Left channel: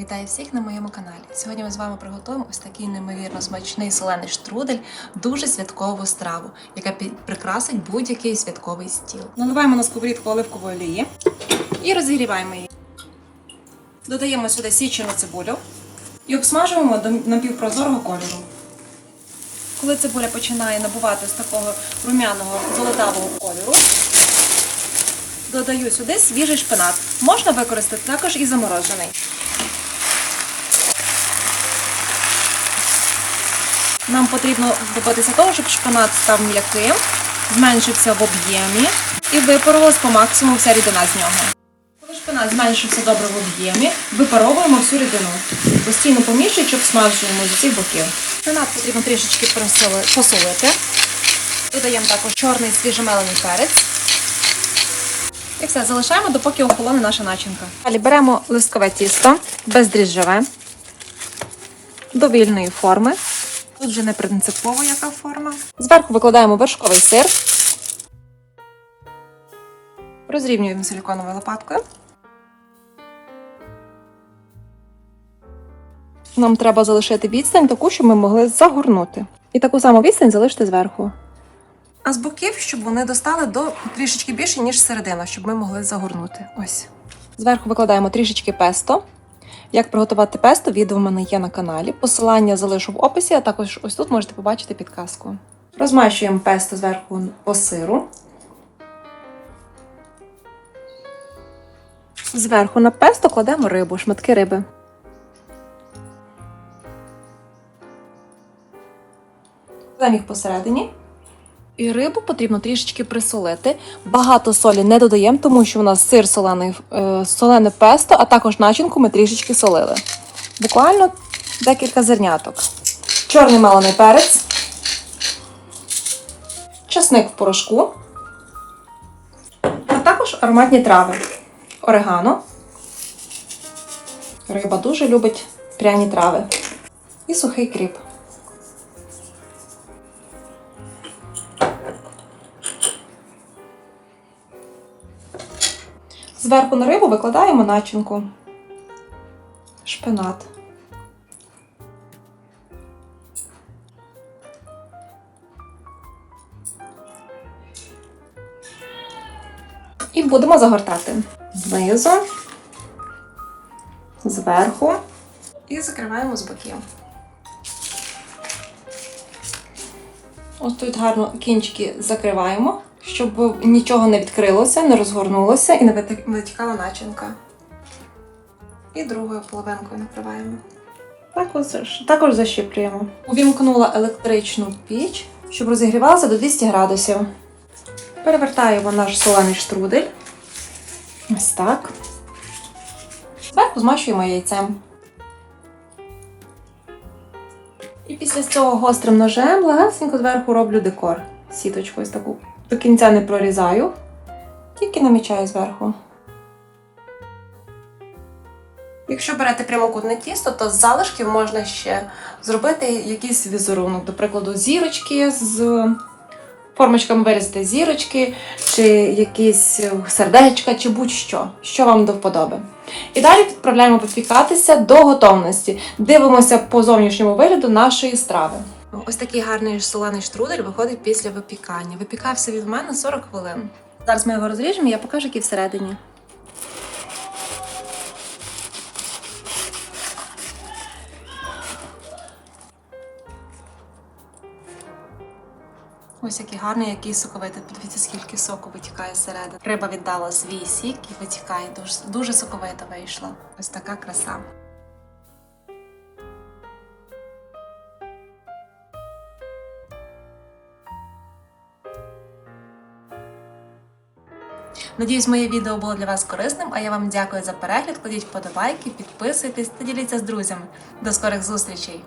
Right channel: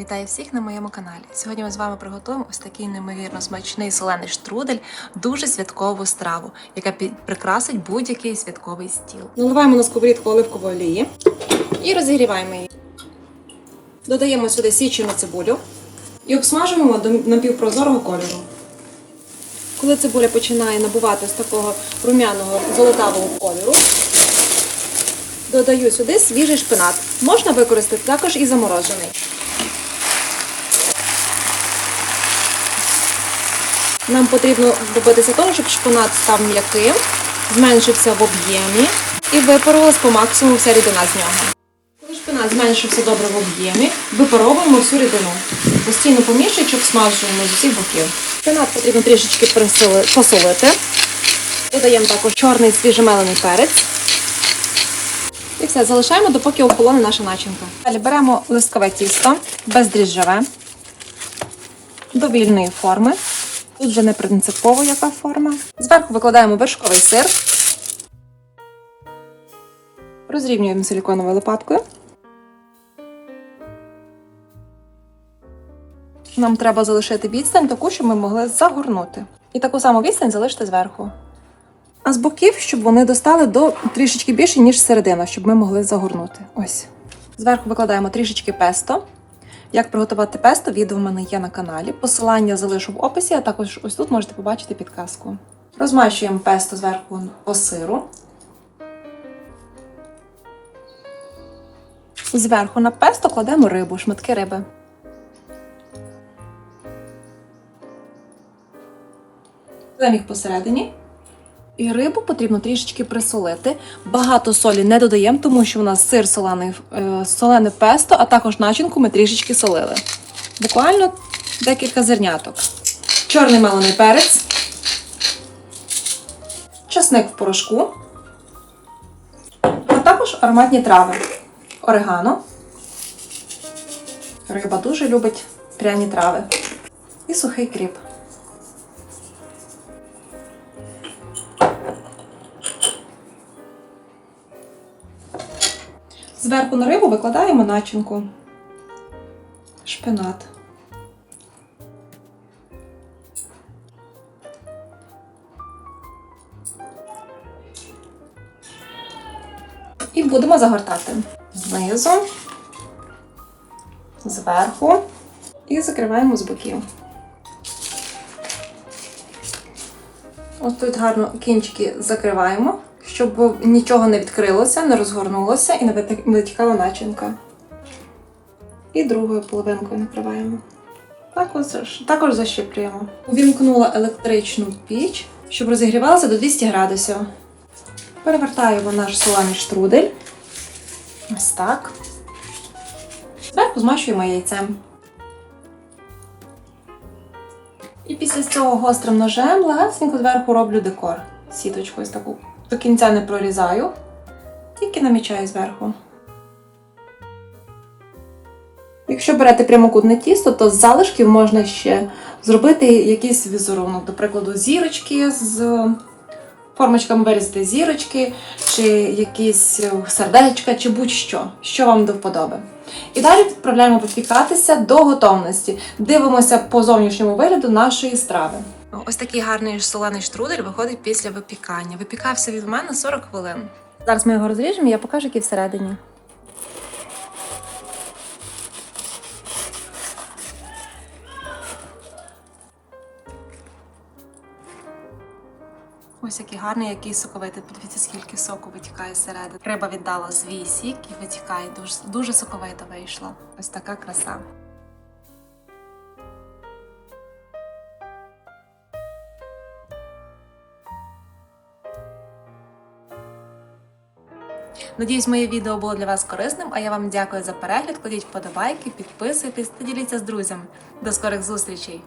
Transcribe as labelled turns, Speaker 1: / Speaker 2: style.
Speaker 1: Вітаю всіх на моєму каналі. Сьогодні ми з вами приготуємо ось такий неймовірно смачний солений штрудель, дуже святкову страву, яка прикрасить будь-який святковий стіл.
Speaker 2: Наливаємо на сковорідку оливкової олії і розігріваємо її. Додаємо сюди січену цибулю і обсмажуємо до напівпрозорого кольору. Коли цибуля починає набувати з такого румяного золотавого кольору, додаю сюди свіжий шпинат. Можна використати також і заморожений. Нам потрібно добитися того, щоб шпинат став м'яким, зменшився в об'ємі і випарувалась по максимуму вся рідина з нього. Коли шпинат зменшився добре в об'ємі, випаровуємо всю рідину. Постійно помішуючи, обсмажуємо з усіх боків. Шпинат потрібно трішечки посолити. Додаємо також чорний свіжемелений перець. І все, залишаємо, допоки охолоне наша начинка. Далі беремо листкове тісто, бездріжджове, довільної форми. Тут вже не принципово яка форма. Зверху викладаємо вершковий сир. Розрівнюємо силіконовою лопаткою. Нам треба залишити відстань таку, щоб ми могли загорнути. І таку саму відстань залишити зверху. А з боків, щоб вони достали до трішечки більше, ніж середина, щоб ми могли загорнути. Ось. Зверху викладаємо трішечки песто. Як приготувати песто, відео в мене є на каналі. Посилання залишу в описі, а також ось тут можете побачити підказку. Розмащуємо песто зверху по сиру. Зверху на песто кладемо рибу, шматки риби. Кладемо їх посередині. І рибу потрібно трішечки присолити. Багато солі не додаємо, тому що у нас сир солений, е, солене песто, а також начинку ми трішечки солили. Буквально декілька зерняток. Чорний мелений перець, часник в порошку, а також ароматні трави. Орегано. Риба дуже любить пряні трави. І сухий кріп. Зверху на рибу викладаємо начинку. Шпинат. І будемо загортати знизу, зверху і закриваємо з боків. Ось тут гарно кінчики закриваємо, щоб нічого не відкрилося, не розгорнулося і не витікала начинка. І другою половинкою накриваємо. Також, защіплюємо. Увімкнула електричну піч, щоб розігрівалася до 200 градусів. Перевертаємо наш солений штрудель. Ось так. Зверху змащуємо яйцем. І після цього гострим ножем легесенько зверху роблю декор. Сіточку ось таку. До кінця не прорізаю, тільки намічаю зверху. Якщо берете прямокутне тісто, то з залишків можна ще зробити якийсь візерунок, до прикладу, зірочки з формочками вирізати зірочки, чи якісь сердечка, чи будь-що, що вам до вподоби. І далі відправляємо попікатися до готовності. Дивимося по зовнішньому вигляду нашої страви.
Speaker 1: Ось такий гарний солений штрудель виходить після випікання. Випікався від мене 40 хвилин.
Speaker 2: Зараз ми його розріжемо, я покажу, який всередині.
Speaker 1: Ось який гарний, який соковитий. Подивіться, скільки соку витікає зсередини. Риба віддала свій сік і витікає. Дуже, дуже соковита вийшла. Ось така краса. Надіюсь, моє відео було для вас корисним, а я вам дякую за перегляд. Кладіть вподобайки, підписуйтесь та діліться з друзями. До скорих зустрічей!